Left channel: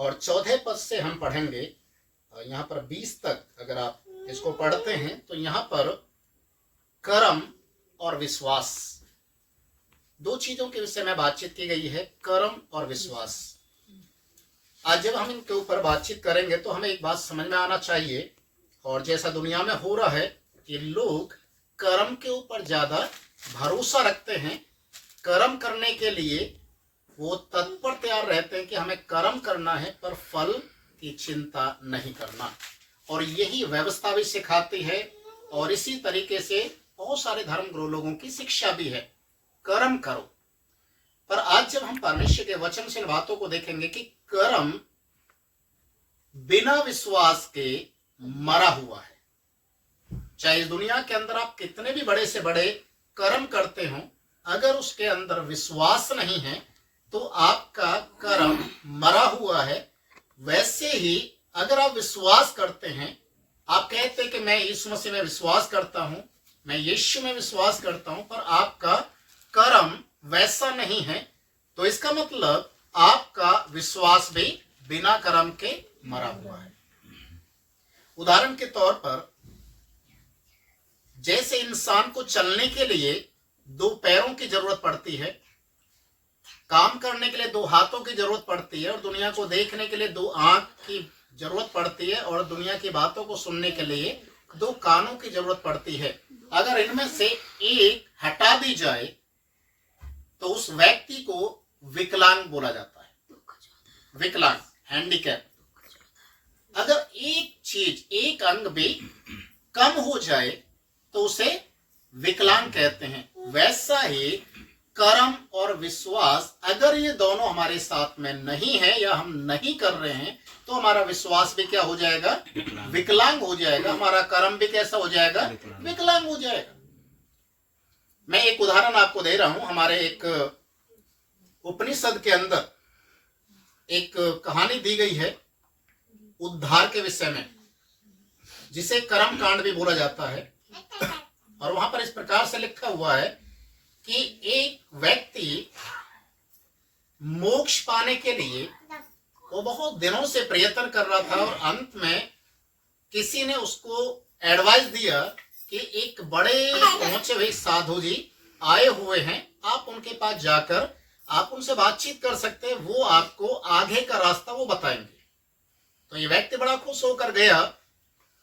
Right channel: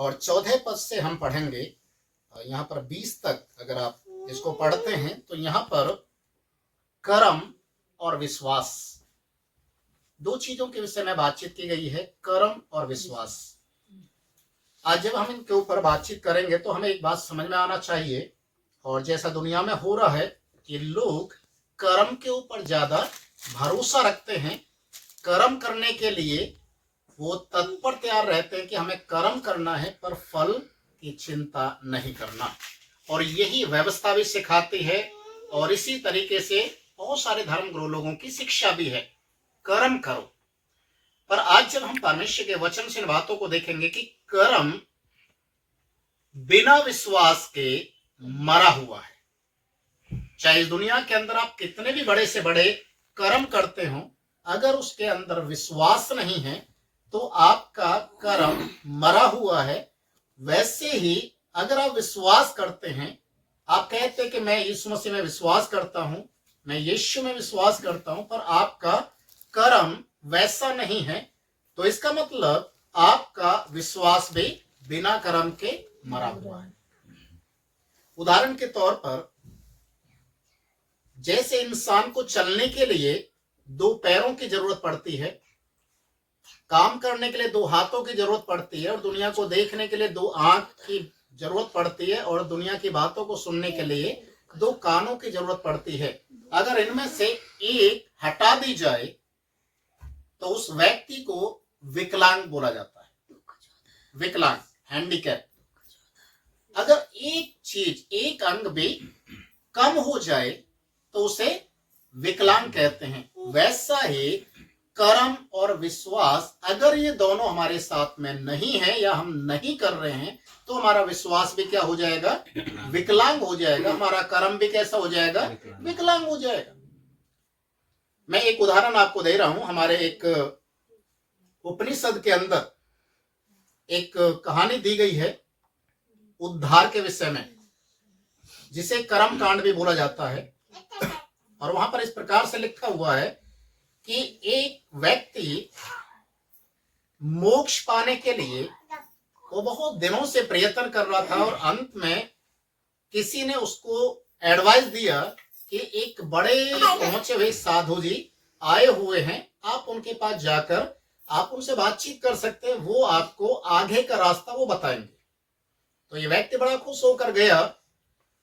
और 14 पद से हम पढ़ेंगे। यहाँ पर 20 तक अगर आप इसको पढ़ते हैं तो यहाँ पर कर्म और विश्वास, दो चीजों के विषय में बातचीत की गई है, कर्म और विश्वास। आज जब हम इनके ऊपर बातचीत करेंगे तो हमें एक बात समझ में आना चाहिए, और जैसा दुनिया में हो रहा है कि लोग कर्म के ऊपर ज्यादा भरोसा रखते हैं, कर्म करने के लिए वो तत्पर तैयार रहते हैं कि हमें कर्म करना है, पर फल की चिंता नहीं करना। और यही व्यवस्था भी सिखाती है, और इसी तरीके से बहुत सारे धर्म गुरु लोगों की शिक्षा भी है, कर्म करो। पर आज जब हम परमेश्वर के वचन से इन बातों को देखेंगे कि कर्म बिना विश्वास के मरा हुआ है। चाहे इस दुनिया के अंदर आप कितने भी बड़े से बड़े कर्म करते हो, अगर उसके अंदर विश्वास नहीं है तो आपका कर्म मरा हुआ है। वैसे ही अगर आप विश्वास करते हैं, आप कहते हैं कि मैं यीशु मसीह में विश्वास करता हूं, मैं यीशु में विश्वास करता हूं, पर आपका कर्म वैसा नहीं है, तो इसका मतलब आपका विश्वास भी बिना कर्म के मरा हुआ है। उदाहरण के तौर पर, जैसे इंसान को चलने के लिए दो पैरों की जरूरत पड़ती है, काम करने के लिए दो हाथों की जरूरत पड़ती है, और दुनिया को देखने के लिए दो आंख की जरूरत पड़ती है, और दुनिया की बातों को सुनने के लिए दो कानों की जरूरत पड़ती है। अगर इनमें से एक हटा दी जाए तो उस व्यक्ति को विकलांग बोला जाता है, विकलांग, हैंडीकैप। अगर एक चीज, एक अंग भी कम हो जाए तो उसे विकलांग कहते हैं। वैसा ही कर्म और विश्वास, अगर ये दोनों हमारे साथ में नहीं है या हम नहीं कर रहे हैं, तो हमारा विश्वास भी क्या हो जाएगा? विकलांग हो जाएगा। हमारा कर्म भी कैसा हो जाएगा? विकलांग हो जाएगा। मैं एक उदाहरण आपको दे रहा हूं। हमारे एक उपनिषद के अंदर एक कहानी दी गई है उद्धार के विषय में, जिसे कर्म कांड भी बोला जाता है। और वहां पर इस प्रकार से लिखा हुआ है कि एक व्यक्ति मोक्ष पाने के लिए वो बहुत दिनों से प्रयत्न कर रहा था, और अंत में किसी ने उसको एडवाइस दिया कि एक बड़े पहुंचे हुए साधु जी आए हुए हैं, आप उनके पास जाकर आप उनसे बातचीत कर सकते हैं, वो आपको आगे का रास्ता वो बताएंगे। तो ये व्यक्ति बड़ा खुश होकर गया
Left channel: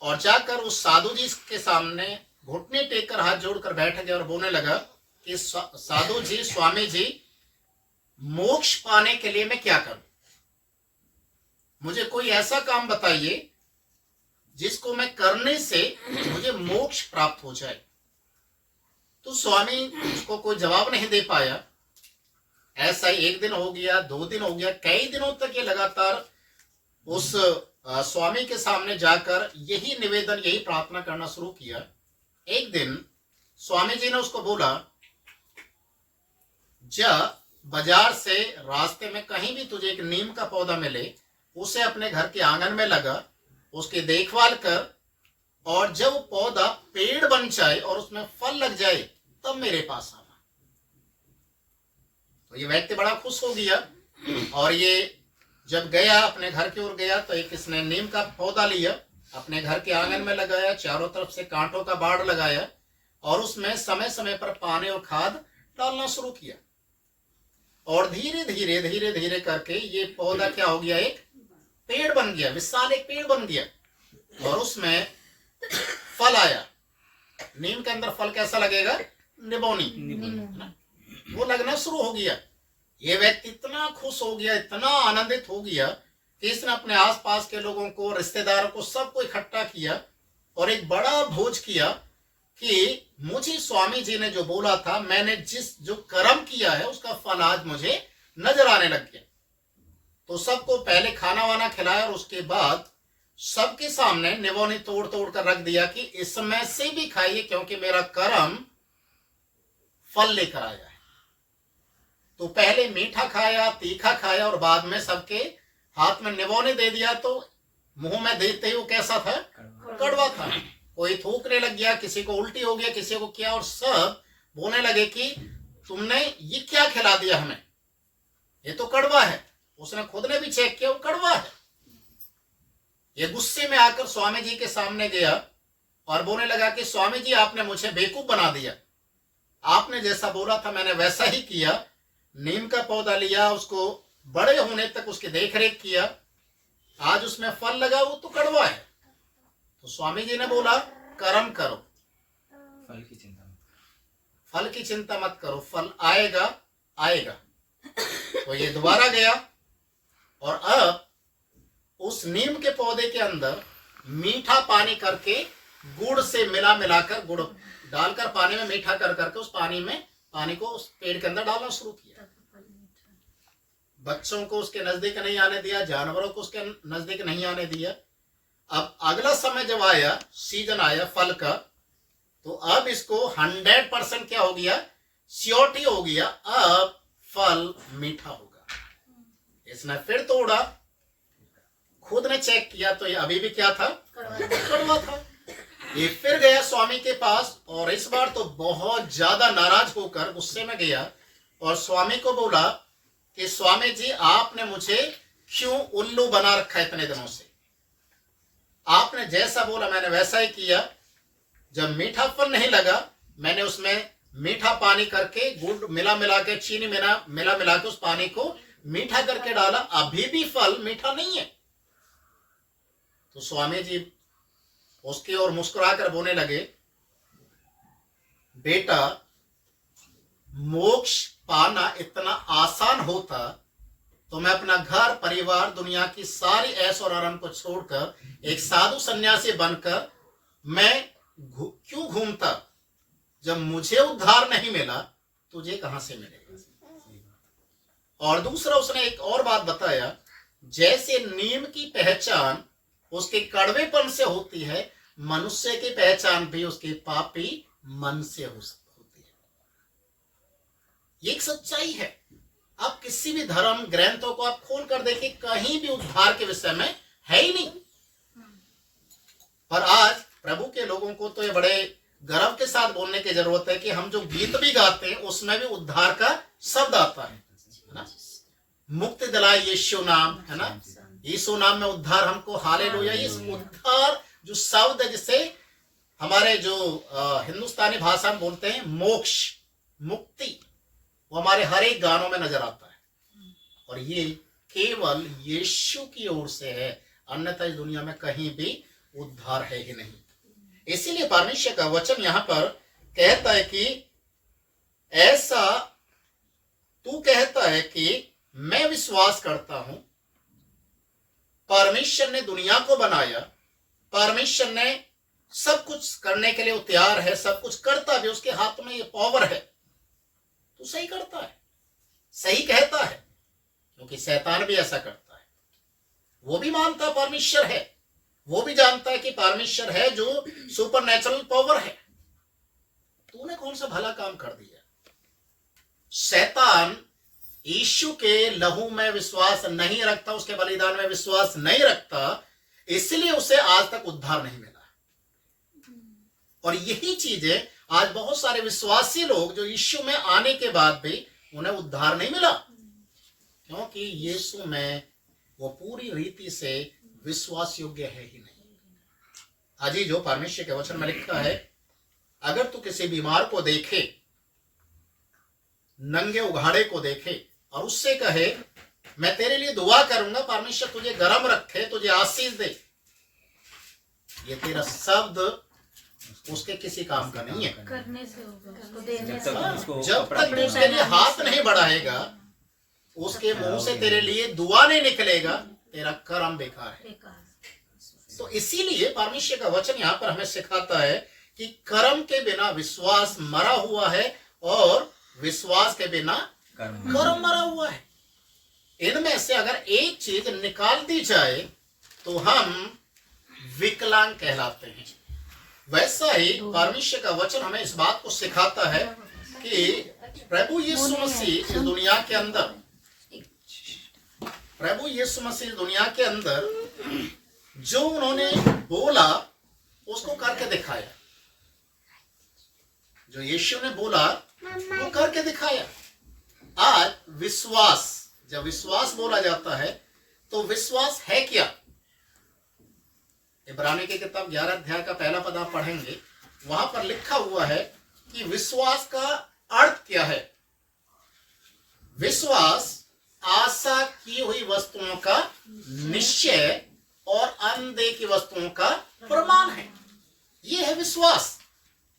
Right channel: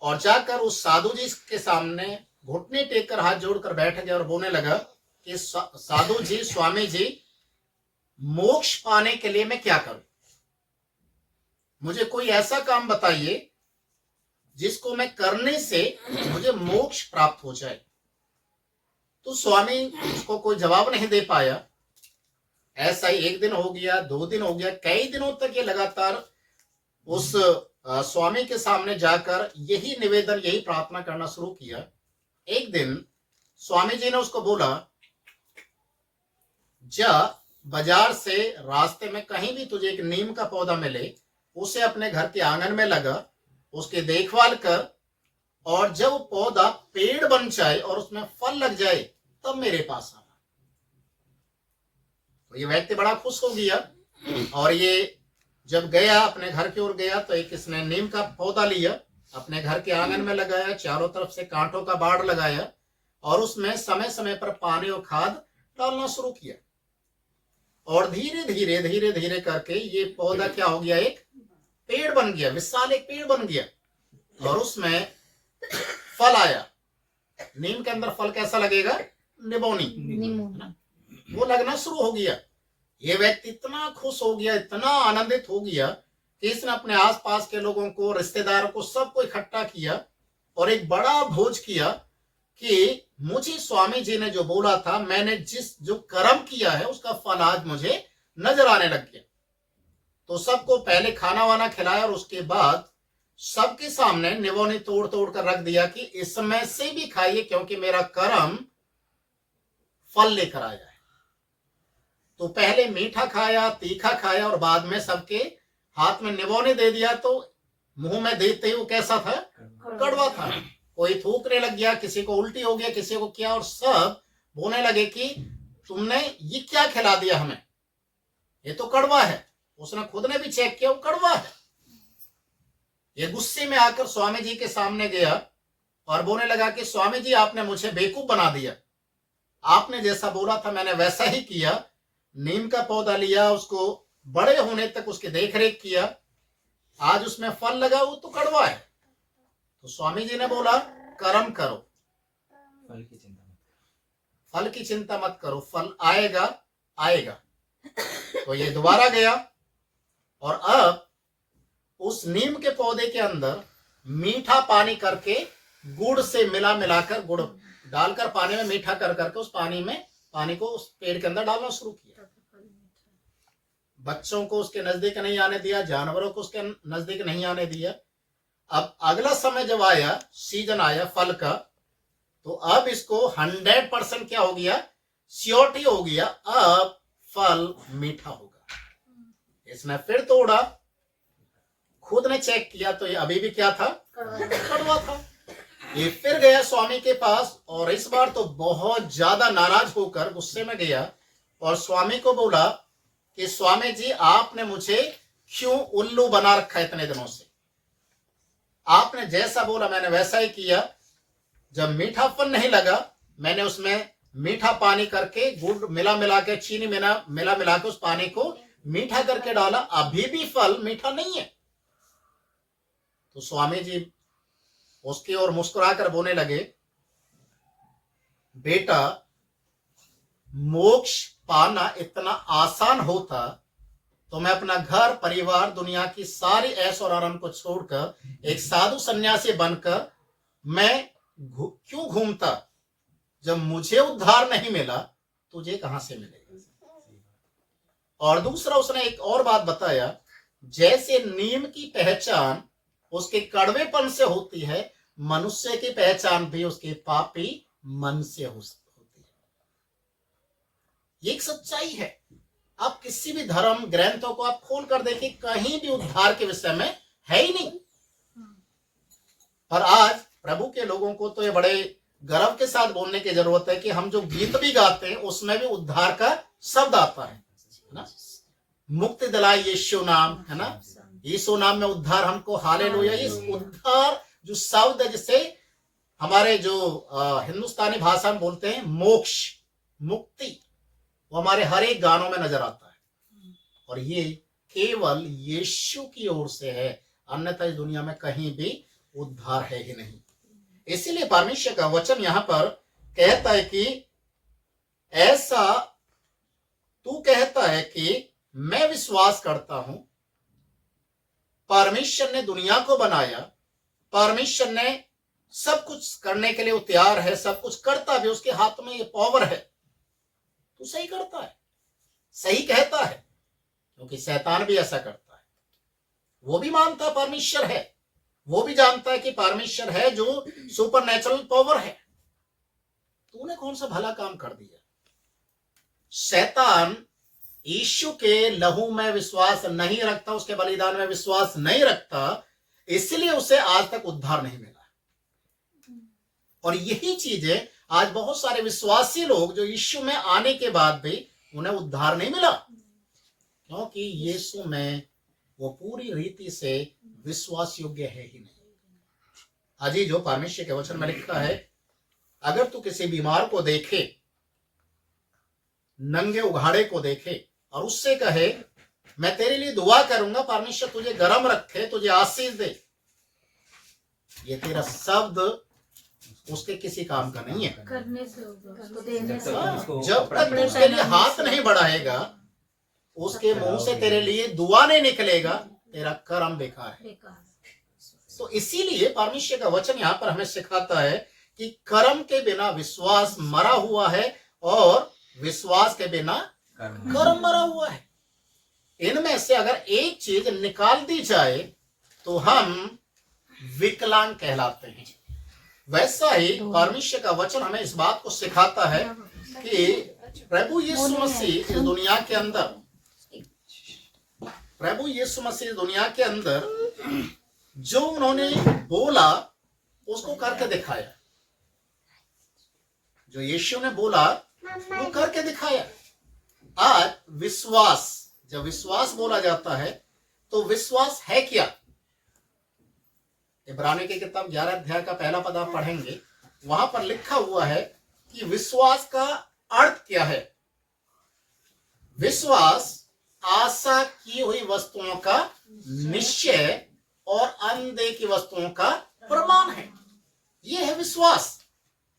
और जाकर उस साधु जी के सामने घुटने टेक कर हाथ जोड़कर बैठ गया और बोलने लगा कि साधु जी, स्वामी जी, मोक्ष पाने के लिए मैं क्या करूं? मुझे कोई ऐसा काम बताइए जिसको मैं करने से मुझे मोक्ष प्राप्त हो जाए। तो स्वामी उसको कोई जवाब नहीं दे पाया। ऐसा ही एक दिन हो गया, 2 दिन हो गया, कई दिनों तक ये लगातार उस स्वामी के सामने जाकर यही निवेदन, यही प्रार्थना करना शुरू किया। एक दिन स्वामी जी ने उसको बोला, जा बाजार से रास्ते में कहीं भी तुझे एक नीम का पौधा मिले, उसे अपने घर के आंगन में लगा, उसकी देखभाल कर, और जब पौधा पेड़ बन जाए और उसमें फल लग जाए तब मेरे पास आना। तो ये व्यक्ति बड़ा खुश हो गया, और ये जब गया, अपने घर की ओर गया, तो एक इसने नीम का पौधा लिया, अपने घर के आंगन में लगाया, चारों तरफ से कांटों का बाड़ लगाया, और उसमें समय समय पर पानी और खाद डालना शुरू किया। और धीरे धीरे धीरे धीरे करके ये पौधा क्या हो गया? एक पेड़ बन गया, विशाल एक पेड़ बन गया, और उसमें फल आया। नीम के अंदर फल कैसा लगेगा? निबोनी, वो लगना शुरू हो गया। ये व्यक्ति इतना खुश हो गया, इतना आनंदित हो गया कि इसने अपने आसपास के लोगों को, रिश्तेदारों को, सबको इकट्ठा किया और एक बड़ा भोज किया कि मुझे स्वामी जी ने जो बोला था, मैंने जो कर्म किया है उसका फल आज मुझे नजर आने लग गया। तो सबको पहले खाना वाना खिलाया, और उसके बाद सबके सामने निबोनी तोड़ तोड़ कर रख दिया कि इसमें से भी खाइए, क्योंकि मेरा कर्म फल लेकर आया है। तो पहले मीठा खाया, तीखा खाया, और बाद में सबके हाथ में निबोने दे दिया। तो मुंह में देते ही वो कैसा था? कड़वा था। कोई थूकने लग गया, किसी को उल्टी हो गया, किसी को क्या, और सब बोलने लगे कि तुमने ये क्या खिला दिया हमें, ये तो कड़वा है। उसने खुद ने भी चेक किया, वो कड़वा है। ये गुस्से में आकर स्वामी जी के सामने गया और बोलने लगा कि स्वामी जी, आपने मुझे बेवकूफ बना दिया, आपने जैसा बोला था मैंने वैसा ही किया, नीम का पौधा लिया, उसको बड़े होने तक उसकी देखरेख किया, आज उसमें फल लगा, वो तो कड़वा है। तो स्वामी जी ने बोला कर्म करो, फल की चिंता मत करो, फल आएगा आएगा। तो ये दोबारा गया और अब उस नीम के पौधे के अंदर मीठा पानी करके गुड़ से मिलाकर, गुड़ डालकर पानी में मीठा कर करके उस पानी को उस पेड़ के अंदर डालना शुरू किया। बच्चों को उसके नजदीक नहीं आने दिया, जानवरों को उसके नजदीक नहीं आने दिया। अब अगला समय जब आया, सीजन आया फल का, तो अब इसको 100% क्या हो गया, श्योरिटी हो गया, अब फल मीठा होगा। इसने फिर तोड़ा, खुद ने चेक किया तो ये अभी भी क्या था, कड़वा था। ये फिर गया स्वामी के पास और इस बार तो बहुत ज्यादा नाराज होकर गुस्से में गया और स्वामी को बोला कि स्वामी जी, आपने मुझे क्यों उल्लू बना रखा है इतने दिनों से, आपने जैसा बोला मैंने वैसा ही किया। जब मीठा फल नहीं लगा, मैंने उसमें मीठा पानी करके गुड़ मिला के, चीनी मिला के उस पानी को मीठा करके डाला, अभी भी फल मीठा नहीं है। तो स्वामी जी उसकी ओर मुस्कुराकर बोलने लगे, बेटा, मोक्ष पाना इतना आसान होता तो मैं अपना घर परिवार, दुनिया की सारी ऐश और आराम को छोड़कर एक साधु सन्यासी बनकर मैं क्यों घूमता। जब मुझे उद्धार नहीं मिला, तुझे कहां से मिलेगा। और दूसरा उसने एक और बात बताया, जैसे नीम की पहचान उसके कड़वेपन से होती है, मनुष्य की पहचान भी उसके पापी मन से होती है। ये एक सच्चाई है। आप किसी भी धर्म ग्रंथों को आप खोल कर देखिए, कहीं भी उद्धार के विषय में है ही नहीं। पर आज प्रभु के लोगों को तो ये बड़े गर्व के साथ बोलने की जरूरत है कि हम जो गीत भी गाते हैं उसमें भी उद्धार का शब्द आता है ना, मुक्ति दिलाए यीशु नाम, है ना, यीशु नाम में उद्धार हमको, हालेलुया। इस उद्धार जो शब्द है, जिसे हमारे जो हिंदुस्तानी भाषा में बोलते हैं मोक्ष, मुक्ति, वो हमारे हर एक गानों में नजर आता है। और ये केवल यीशु की ओर से है, अन्यथा इस दुनिया में कहीं भी उद्धार है ही नहीं। इसीलिए परमेश्वर का वचन यहां पर कहता है कि ऐसा तू कहता है कि मैं विश्वास करता हूं परमेश्वर ने दुनिया को बनाया, परमेश्वर ने सब कुछ करने के लिए वो तैयार है, सब कुछ करता भी, उसके हाथ में ये पावर है, तो सही करता है, सही कहता है। क्योंकि शैतान भी ऐसा करता है, वो भी मानता है परमेश्वर है, वो भी जानता है कि परमेश्वर है जो सुपर नेचुरल पावर है। तूने कौन सा भला काम कर दिया। शैतान यीशु के लहू में विश्वास नहीं रखता, उसके बलिदान में विश्वास नहीं रखता, इसलिए उसे आज तक उद्धार नहीं मिला। और यही चीजें आज बहुत सारे विश्वासी लोग जो यीशु में आने के बाद भी उन्हें उद्धार नहीं मिला, क्योंकि यीशु में वो पूरी रीति से विश्वास योग्य है ही नहीं। आज ही जो परमेश्वर के वचन में लिखा है, अगर तू किसी बीमार को देखे, नंगे उघाड़े को देखे और उससे कहे मैं तेरे लिए दुआ करूंगा, परमेश्वर तुझे गरम रखे, तुझे आशीष दे, ये तेरा शब्द उसके किसी काम का नहीं है। करने से होगा, उसको देने से होगा। जब तक तू उसके लिए हाथ नहीं बढ़ाएगा, उसके मुंह से तेरे लिए दुआ नहीं निकलेगा, तेरा कर्म बेकार है। तो इसीलिए परमेश्वर का वचन यहाँ पर हमें सिखाता है कि कर्म के बिना विश्वास मरा हुआ है और विश्वास के बिना कर्म मरा हुआ है। इनमें से अगर एक चीज निकाल दी जाए तो हम विकलांग कहलाते हैं। वैसा ही परमेश्वर का वचन हमें इस बात को सिखाता है कि प्रभु यीशु मसीह इस दुनिया के अंदर, प्रभु यीशु मसीह दुनिया के अंदर जो उन्होंने बोला उसको करके दिखाया। जो यीशु ने बोला वो करके दिखाया। आज विश्वास जब विश्वास बोला जाता है तो विश्वास है क्या? इब्रानी की किताब 11 अध्याय का पहला पद आप पढ़ेंगे, वहां पर लिखा हुआ है कि विश्वास का अर्थ क्या है। विश्वास आशा की हुई वस्तुओं का निश्चय और अनदेखी वस्तुओं का प्रमाण है। यह है विश्वास।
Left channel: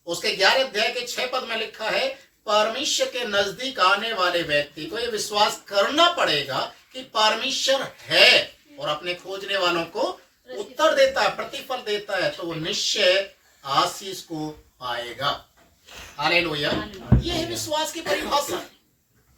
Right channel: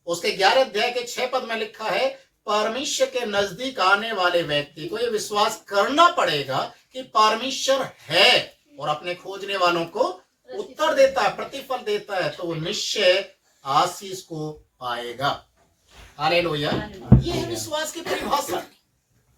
उसके 11 अध्याय के 6 पद में लिखा है, परमेश्वर के नजदीक आने वाले व्यक्ति को यह विश्वास करना पड़ेगा कि परमेश्वर है और अपने खोजने वालों को उत्तर देता है, प्रतिफल देता है, तो वो निश्चय आशीष को पाएगा। हालेलुया। यह है विश्वास की परिभाषा।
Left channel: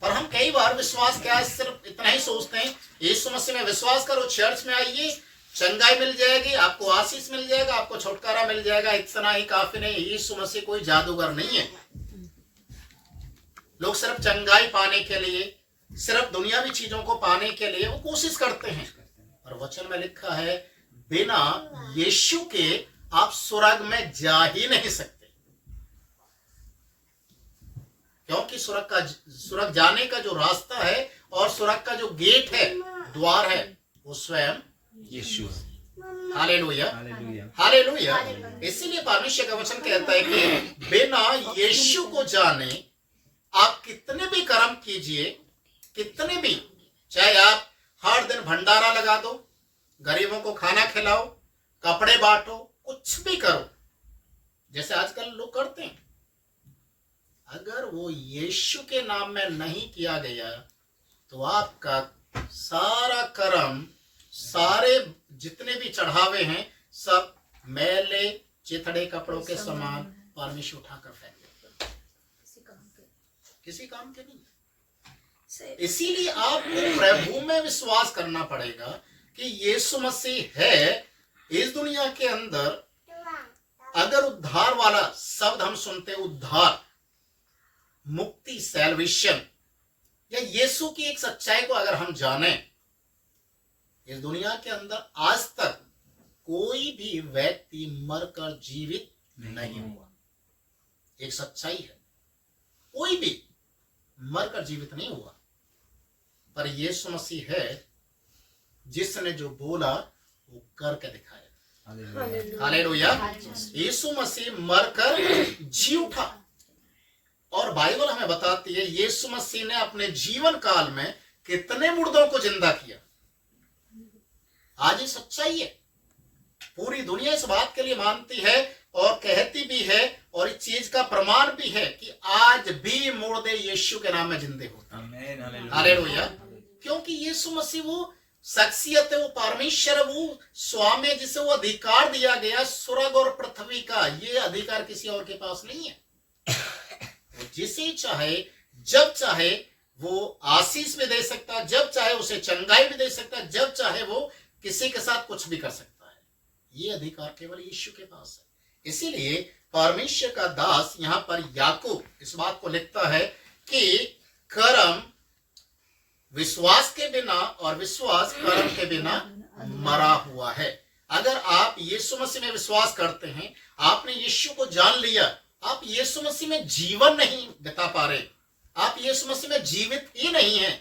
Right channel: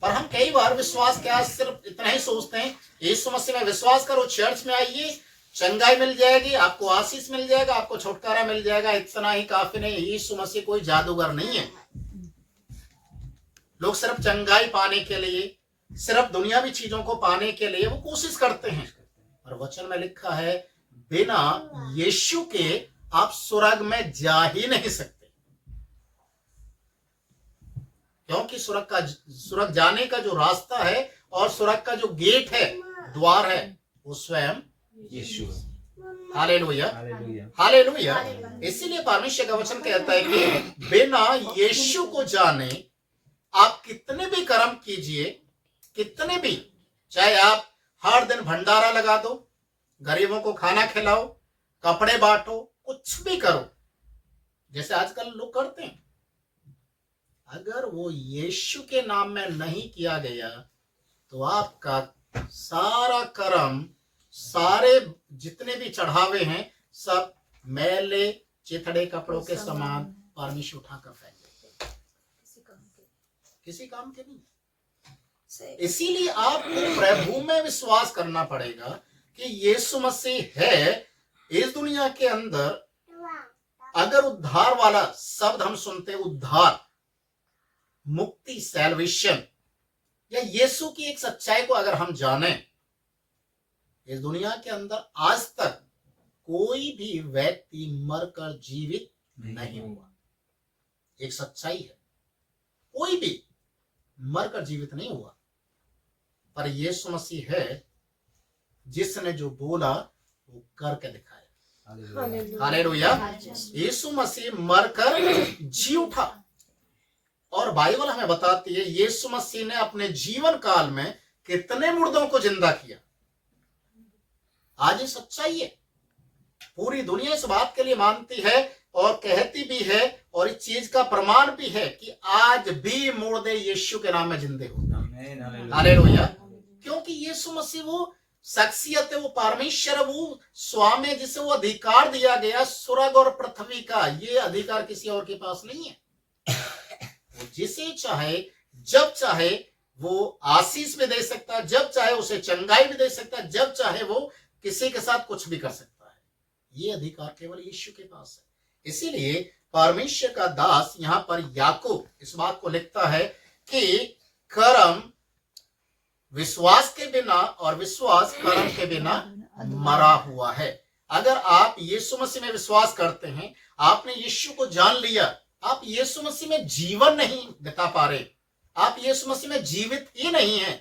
पर हम कई बार विश्वास क्या है सिर्फ इतना ही सोचते हैं, यीशु मसीह में विश्वास करो, चर्च में आइए, चंगाई मिल जाएगी, आपको आशीष मिल जाएगा, आपको छुटकारा मिल जाएगा, इतना ही काफी नहीं। यीशु मसीह कोई जादूगर नहीं है। लोग सिर्फ चंगाई पाने के लिए, सिर्फ दुनियावी चीजों को पाने के लिए वो कोशिश करते हैं। और वचन में लिखा है, बिना यीशु के आप स्वर्ग में जा ही नहीं सकते, क्योंकि स्वर्ग जाने का जो रास्ता है और स्वर्ग का जो गेट है, द्वार है, वो स्वयं यीशु। Hallelujah, hallelujah, hallelujah. इसीलिए परमेश्वर का वचन कहता है कि बिना यीशु को जाने आप कितने भी कर्म कीजिए, कितने भी, चाहे आप हर दिन भंडारा लगा दो, गरीबों को खाना खिलाओ, कपड़े बांटो, कुछ भी करो, जैसे आजकल लोग करते हैं, अगर वो यीशु के नाम में नहीं किया गया तो आपका सारा कर्म, सारे जितने भी चढ़ावे हैं, सब मैले चिथड़े कपड़ों के समान परमेश्वर उठाकर फेंक देगा, किसी काम के नहीं। इसीलिए आपको प्रभु में विश्वास करना पड़ेगा कि यीशु मसीह है इस दुनिया के अंदर। अगर उद्धार वाला शब्द हम सुनते, उद्धार, मुक्ति, सैल्वेशन, या यीशु की एक सच्चाई को अगर हम जाने, इस दुनिया के अंदर आज तक कोई भी व्यक्ति मरकर जीवित नहीं हुआ। एक सच्चाई है, कोई भी मरकर जीवित नहीं हुआ। पर यीशु मसीह है जिसने जो बोला वो करके दिखाया। हालेलुया। यीशु मसीह मरकर जी उठा, और बाइबल हमें बताती है यीशु मसीह ने अपने जीवन काल में कितने मुर्दों को जिंदा किया। आज ये सच्चाई है, पूरी दुनिया इस बात के लिए मानती है और कहती भी है, और इस चीज का प्रमाण भी है कि आज भी मुर्दे यीशु के नाम में जिंदे होते हैं। हालेलुया। क्योंकि यीशु मसीह वो शख्सियत है, वो परमेश्वर है, वो स्वामी है, जिसे वो अधिकार दिया गया स्वर्ग और पृथ्वी का। ये अधिकार किसी और के पास नहीं है। वो जिसे चाहे, जब चाहे वो आशीष भी दे सकता है, जब चाहे उसे चंगाई भी दे सकता है, जब चाहे वो किसी के साथ कुछ भी कर सकता है। ये अधिकार केवल यीशु के पास है। इसीलिए परमेश्वर का दास यहां पर याकूब इस बात को लिखता है कि कर्म विश्वास के बिना और विश्वास कर्म के बिना मरा हुआ है। अगर आप यीशु मसीह में विश्वास करते हैं, आपने यीशु को जान लिया, आप यीशु मसीह में जीवन नहीं बिता पा रहे, आप यीशु मसीह में जीवित ही नहीं है,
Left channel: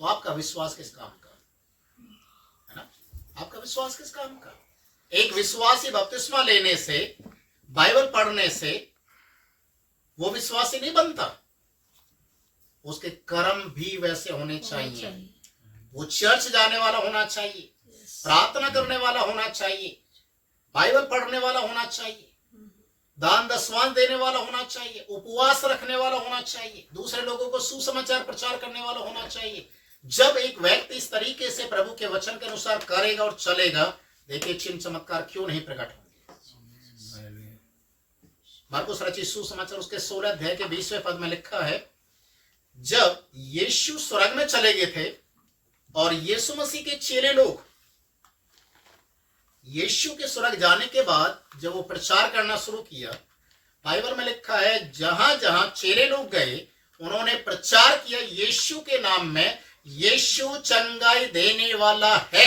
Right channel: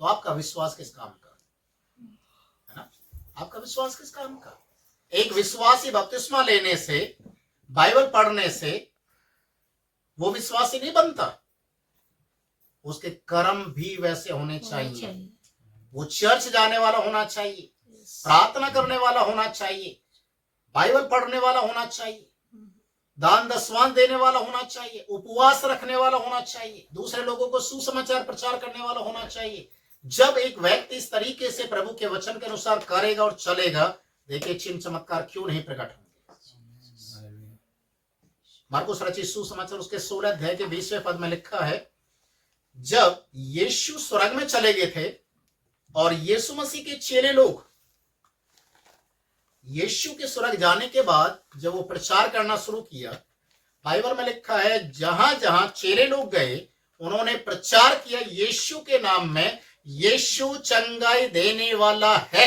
तो आपका विश्वास किस काम का है ना? आपका विश्वास किस काम का? एक विश्वासी बपतिस्मा लेने से, बाइबल पढ़ने से वो विश्वासी नहीं बनता। उसके कर्म भी वैसे होने चाहिए। वो चर्च जाने वाला होना चाहिए, प्रार्थना करने वाला होना चाहिए, बाइबल पढ़ने वाला होना चाहिए, दान दशवांश देने वाला होना चाहिए, उपवास रखने वाला होना चाहिए, दूसरे लोगों को सुसमाचार प्रचार करने वाला होना चाहिए। जब एक व्यक्ति इस तरीके से प्रभु के वचन के अनुसार करेगा और चलेगा, देखिए चिन्ह चमत्कार क्यों नहीं प्रकट होंगे। मार्कुस रचित सुसमाचार उसके 16 अध्याय के 20वें पद में लिखा है, जब यीशु स्वर्ग में चले गए थे और यीशु मसीह के चेले लोग यीशु के स्वर्ग जाने के बाद जब वो प्रचार करना शुरू किया, बाइबल में लिखा है जहां जहां चेले लोग गए उन्होंने प्रचार किया यीशु के नाम में, यीशु चंगाई देने वाला है,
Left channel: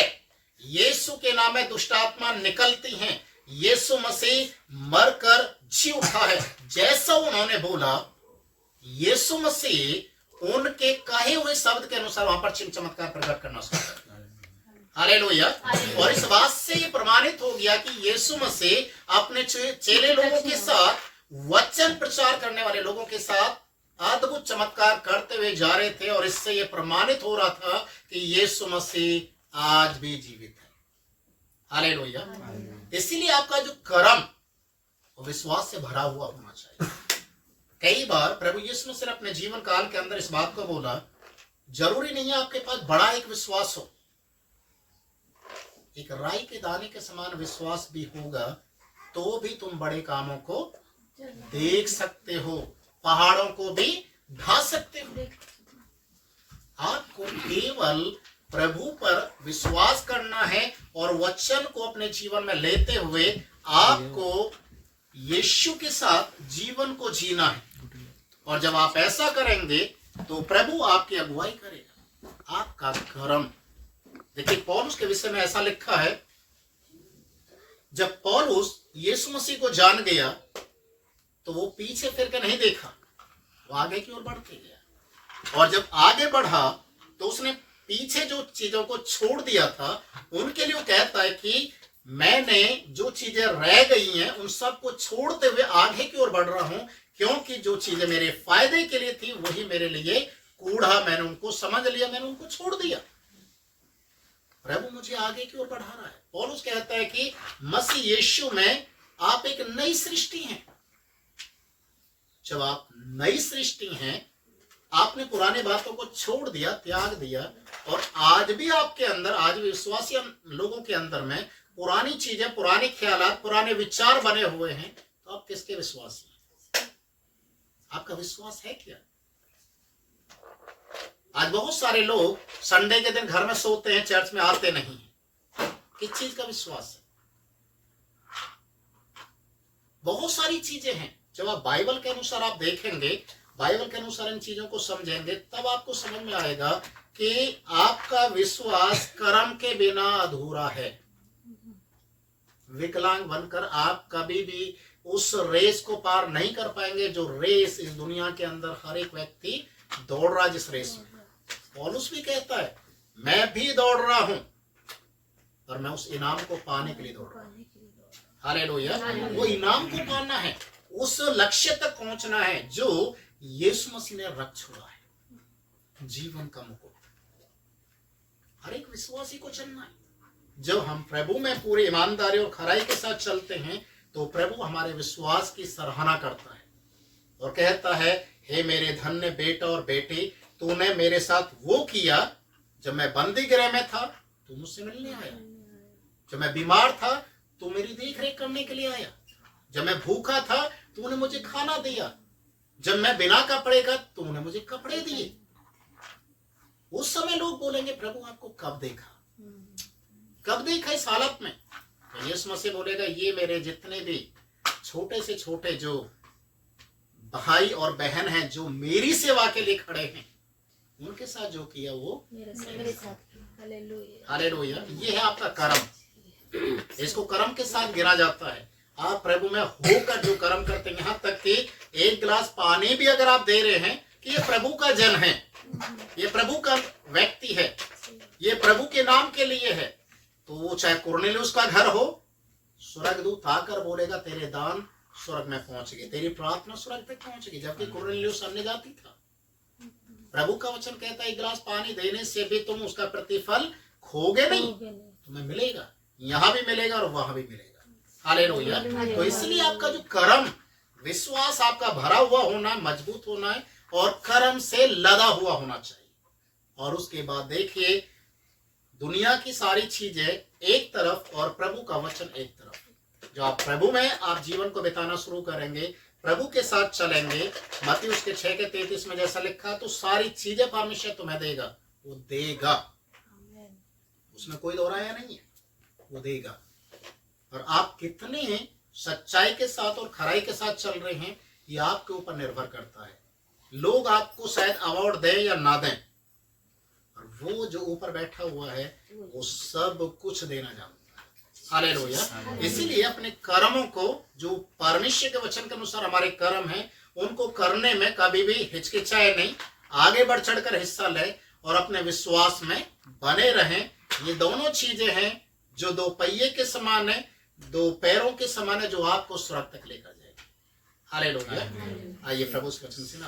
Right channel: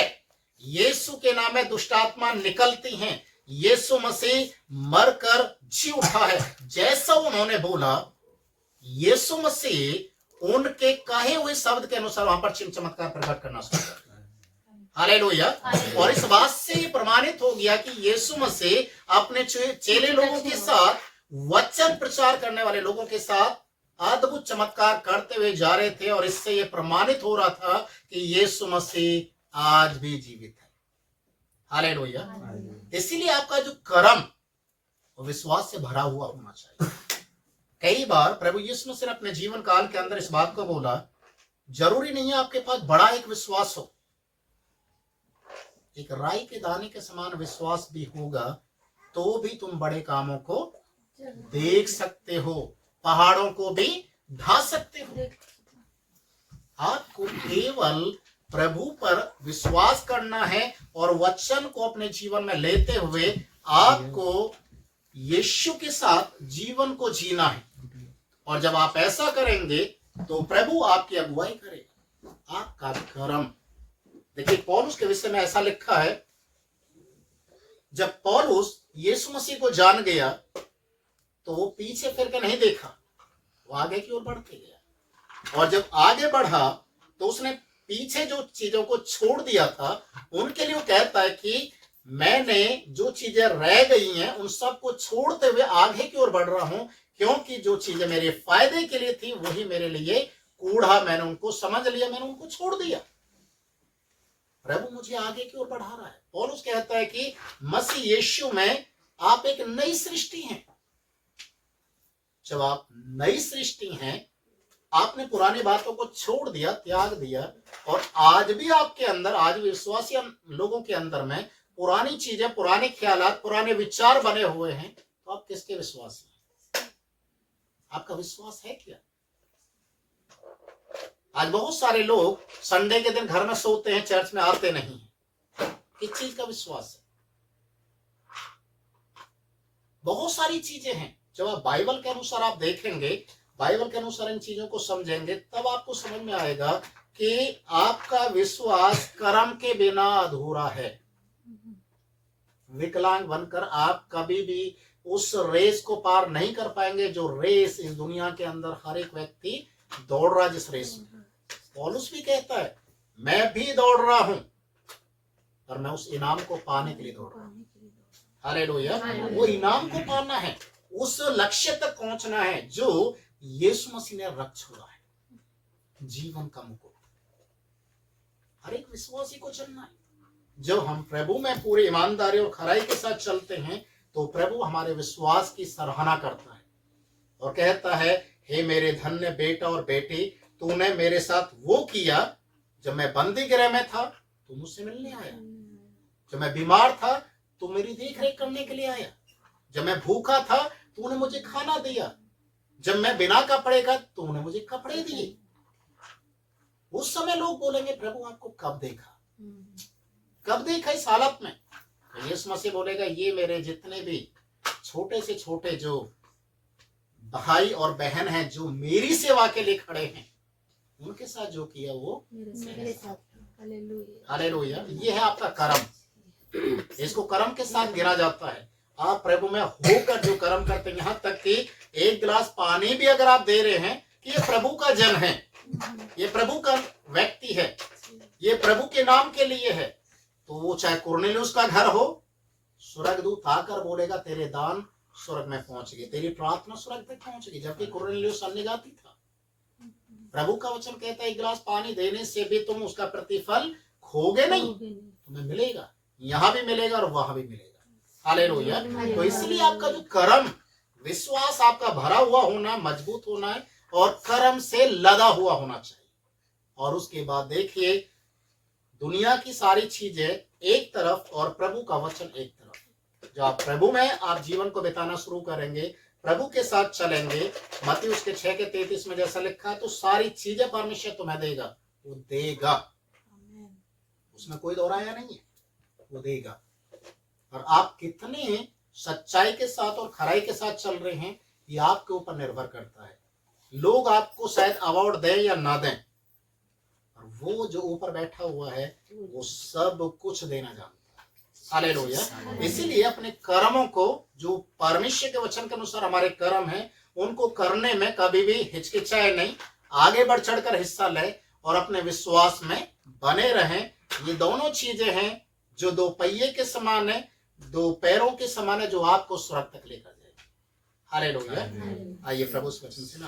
यीशु के नाम में दुष्ट आत्मा निकलती हैं, यीशु मसीह मरकर जी उठा है। जैसा उन्होंने बोला, यीशु मसीह उनके कहे हुए शब्द के अनुसार वहां पर चिन्ह चमत्कार प्रकट करना शुरू कर दिया। हालेलुया। और इस बात से ये प्रमाणित हो गया कि यीशु मसीह अपने चेले लोगों के साथ, वचन प्रचार करने वाले लोगों के साथ अद्भुत चमत्कार करते हुए जा रहे थे, और इससे यह प्रमाणित हो रहा था कि यीशु मसीह आज भी जीवित है। हालेलुया। इसीलिए आपका जो कर्म वो विश्वास से भरा हुआ होना चाहिए। कई बार प्रभु यीशु मसीह ने अपने जीवन काल के अंदर इस बात को बोला, जरूरी नहीं है आपके पास बड़ा एक विश्वास हो, एक राई के दाने के समान विश्वास भी होगा तो भी तुम बड़े कामों को देख सकते हो, पहाड़ों को भी ढा सकते हो। आपको केवल प्रभु पर विश्वास करना है और वचन को अपने जीवन में लेते हुए आपको यीशु के साथ जीवन को जीना है। और जब आप ऐसा करेंगे तो प्रभु आपकी अगुवाई करेगा। आपका कर्म, देखिए पौलुस के विषय में ऐसा लिखा है, जब पौलुस यीशु मसीह को जान गया तो वो पीछे फिर के नहीं देखा, वो आगे की ओर बढ़ते गया। और जब आगे बढ़ा तो उसने पीछे जो चीजों को छोड़ दिया था, उनके लिए वो कहता है कि मैंने जो चीजें रह गई हैं उन सब को छोड़ते हुए आगे की ओर बढ़ रहा हूं, क्योंकि जो चीजें मेरे फायदे के लिए थी वही मेरे लिए कूड़ा, मैंने उनको समझ लिया, मैंने उनको छोड़ दिया। प्रभु मुझे आगे की ओर बढ़ा रहा है। पौलुस कहता है कि मसीह यीशु में आप एक नई सृष्टि हैं। जब आप नई सृष्टि हैं, आपने पुरानी बातों को छोड़ दिया, त्याग दिया, और आज भी आपके अंदर, आज भी विश्वासी लोगों के अंदर में पुरानी चीजें, पुराने ख्यालात, पुराने विचार बने हुए हैं, तो आप किसके विश्वासी हैं? आपका विश्वास है क्या? आज बहुत सारे लोग संडे के दिन घर में सोते हैं, चर्च में आते नहीं हैं। किस चीज का विश्वास है? बहुत सारी चीजें हैं। जब आप बाइबल के अनुसार आप देखेंगे, बाइबल के अनुसार इन चीजों को समझेंगे, तब आपको समझ में आएगा कि आपका विश्वास कर्म के बिना अधूरा है। विकलांग बनकर आप कभी भी उस रेस को पार नहीं कर पाएंगे जो रेस इस दुनिया के अंदर हर एक व्यक्ति दौड़ रहा है, जिस रेस में पौलुस भी कहता है मैं भी दौड़ रहा हूं, पर मैं उस इनाम को पाने के लिए दौड़ रहा हूं। हालेलुया। वो इनाम को पाना है, उस लक्ष्य तक पहुंचना है जो यीशु मसीह ने रख छोड़ा है, जीवन का मुकुट। हर एक विश्वासी को चलना है। जब हम प्रभु में पूरी ईमानदारी और खराई के साथ चलते हैं तो प्रभु हमारे विश्वास की सराहना करता है और कहता है, हे मेरे धन्य बेटा और बेटी, तूने मेरे साथ वो किया। जब मैं बंदी गृह में था तू मुझसे मिलने आया, जब मैं बीमार था तू मेरी देख रेख करने के लिए आया, जब मैं भूखा था तूने मुझे खाना दिया, जब मैं बिना कपड़े का तूने मुझे कपड़े दिए। उस समय लोग बोलेंगे प्रभु आपको कब देखा, कब देखा इस हालत में? तो यीशु मसीह बोलेगा, ये मेरे जितने भी छोटे से छोटे जो भाई और बहन हैं जो मेरी सेवा के लिए खड़े हैं, उनके साथ जो किया वो मेरे साथ। हालेलुया। हालेलुया। ये है आपका कर्म। इसको कर्म के साथ गिना जाता है। आप प्रभु में होकर जो कर्म करते हैं, यहाँ तक कि एक गिलास पानी भी अगर आप दे रहे हैं कि ये प्रभु का जन है, ये प्रभु का व्यक्ति है, ये प्रभु के नाम के लिए है, तो वो चाहे कुरनेलियुस का घर हो, स्वर्गदूत आकर बोलेगा तेरे दान स्वर्ग में पहुंच गए, तेरी प्रार्थना स्वर्ग तक पहुंच गई। जबकि कुरनेलियुस अन्यजाति था। प्रभु का वचन कहता है एक गिलास पानी देने से भी तुम उसका प्रतिफल खोगे नहीं, तुम्हें मिलेगा, यहाँ भी मिलेगा और वहां भी मिलेगा। हालेलुया। तो इसलिए आपका जो कर्म, विश्वास आपका भरा हुआ होना, मजबूत होना है और कर्म से लदा हुआ होना चाहिए। और उसके बाद देखिए, दुनिया की सारी चीजें एक तरफ और प्रभु का वचन एक तरफ। जो आप प्रभु में आप जीवन को बिताना शुरू करेंगे, प्रभु के साथ चलेंगे, मत्ती उसके 6:33 में जैसा लिखा, तो सारी चीजें परमेश्वर तुम्हें देगा, वो देगा, उसमें कोई दोहराया नहीं है, वो देगा। और आप कितने सच्चाई के साथ और खराई के साथ चल रहे हैं, ये आपके ऊपर निर्भर करता है। लोग आपको शायद अवार्ड दें या ना दें, और वो जो ऊपर बैठा हुआ है वो सब कुछ देना जानता है। हालेलुया। इसीलिए अपने कर्मों को, जो परमेश्वर के वचन के अनुसार हमारे कर्म हैं, उनको करने में कभी भी हिचकिचाए नहीं। आगे बढ़ चढ़कर हिस्सा लें और अपने विश्वास में बने रहें। ये दोनों चीजें हैं जो दो पहिए के समान है, दो पैरों के समान है, जो आपको स्वर्ग तक लेकर जाएगी। हालेलुया। आइए प्रभु इस वचन से ना